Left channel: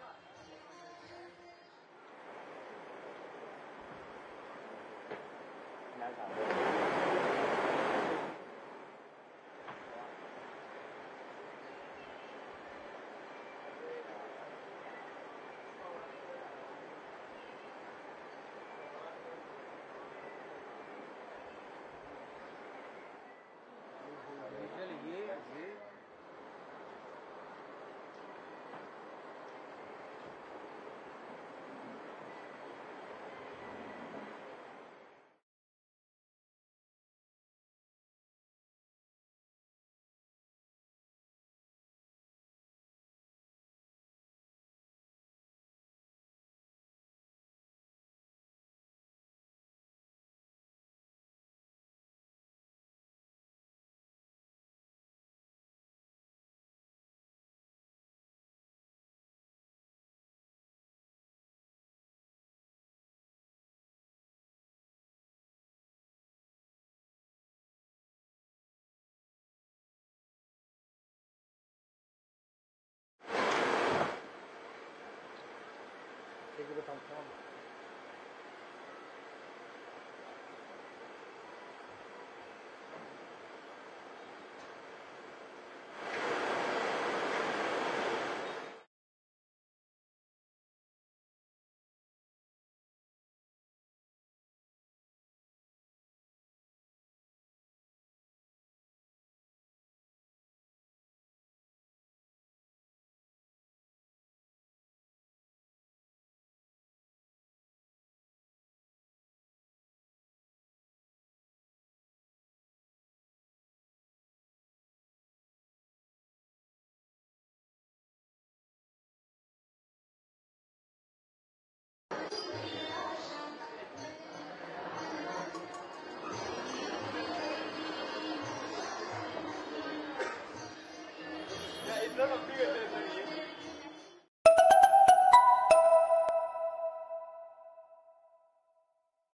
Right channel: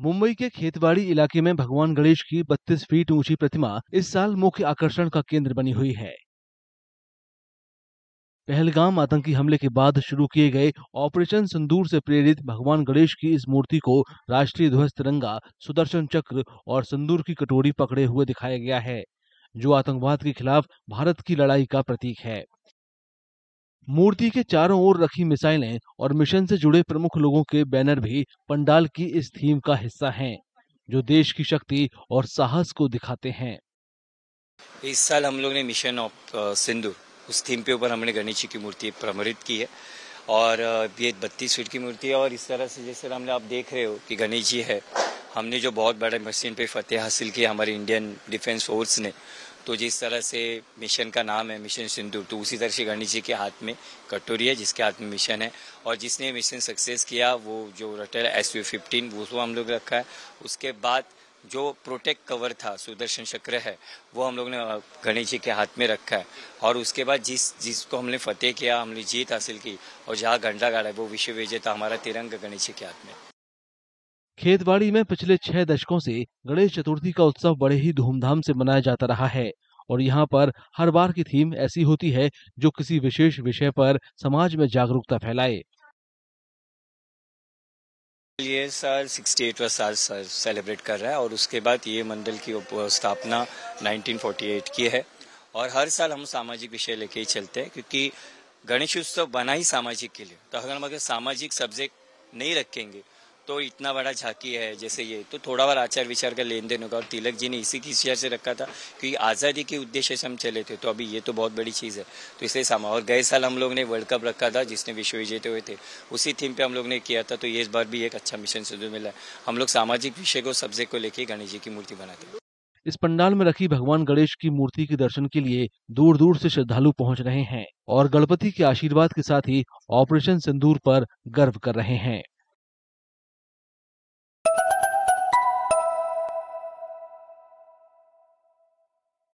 मुंबई के खेतवाड़ी इलाके में भगवान गणेश की 32 फीट ऊंची प्रतिमा इस साल मुख्य आकर्षण का केंद्र बनी हुई है। पहलगाम आतंकी हमले के बाद शुरू किए गए ऑपरेशन सिंदूर से प्रेरित भगवान गणेश की इस मूर्ति को राष्ट्रीय ध्वज तिरंगा, सुदर्शन चक्र और सिंदूर की कटोरी पकड़े हुए दिखाया गया है, जो आतंकवाद के खिलाफ भारत की लड़ाई का प्रतीक है। मूर्ति के चारों ओर रखी मिसाइलें और मिशन से जुड़े प्रमुख लोगों के बैनर भी पंडाल की इस थीम का हिस्सा हैं, जो देश की शक्ति और साहस को दिखाते हैं। इस साल हम लोग ने मिशन ऑफ सिंदूर उस थीम पे ऊपर हमने गणेश जी की मूर्ति प्रमरित की है और ये 32 फीट की मूर्ति है। और इस तरह से जैसे हमने आप देख रहे हो कि गणेश जी है, हमने जो बहुत बड़े मिशन पे फतेह हासिल किया हमारी इंडियन डिफेंस फोर्स ने, तो जिस तरह से मिशन का नाम है मिशन सिंदूर, तो उसी तरह से गणेश जी के हाथ में कटोरी है जिसके हाथ में मिशन है। और जिसने मिशन सक्सेस किया वो जो रटेल SU-15 वो हम लोग रखा है। उसके बाद जो प्रोटेक्ट कवर था सुदर्शन चक्र है वो हम लोग ने गणेश जी के हाथ में रखा है। और उसके बाद जिसको हमने फतेह किया, हमने जीत हासिल की और जहाँ झंडा गाड़ा है वो विश्व विजेता हमारा तिरंगा गणेश जी के हाथ में। खेतवाड़ी में पिछले 6 दशकों से गणेश चतुर्थी का उत्सव बड़े ही धूमधाम से मनाया जाता रहा है और यहाँ पर हर बार की थीम ऐसी होती है जो किसी विशेष विषय पर समाज में जागरूकता फैलाए। ये साल 68वां साल सेलिब्रेट कर रहा है और उसके बाद ये मंडल की स्थापना 1948 की है। और हर साल हम सामाजिक विषय लेके ही चलते हैं क्योंकि गणेश उत्सव बना ही सामाजिक के लिए। तो अगर हम सामाजिक सब्जेक्ट नहीं रखेंगे तो इतना बड़ा झांकी है जैसे ये, तो थोड़ा बार आचार विचार का लेन देन होगा। और तिलक जी ने इसी की विचार से रखा था क्योंकि आज़ादी के उद्देश्य से हम चले थे, तो अभी ये तो बहुत बड़ी चीज़ है, तो इसलिए और गए साल हम लोग ने वर्ल्ड कप रखा था जिसने विश्व विजेते हुए थे, उसी थीम पे हम लोग ने किया था। तो ये इस बार भी एक अच्छा मिशन सिंदूर मिला है। हम लोग सामाजिक विषय को सब्जेक्ट को लेकर गणेश जी की मूर्ति बनाते हैं। इस पंडाल में रखी भगवान गणेश की मूर्ति के दर्शन के लिए दूर दूर से श्रद्धालु पहुंच रहे हैं और गणपति के आशीर्वाद के साथ ही ऑपरेशन सिंदूर पर गर्व कर रहे हैं।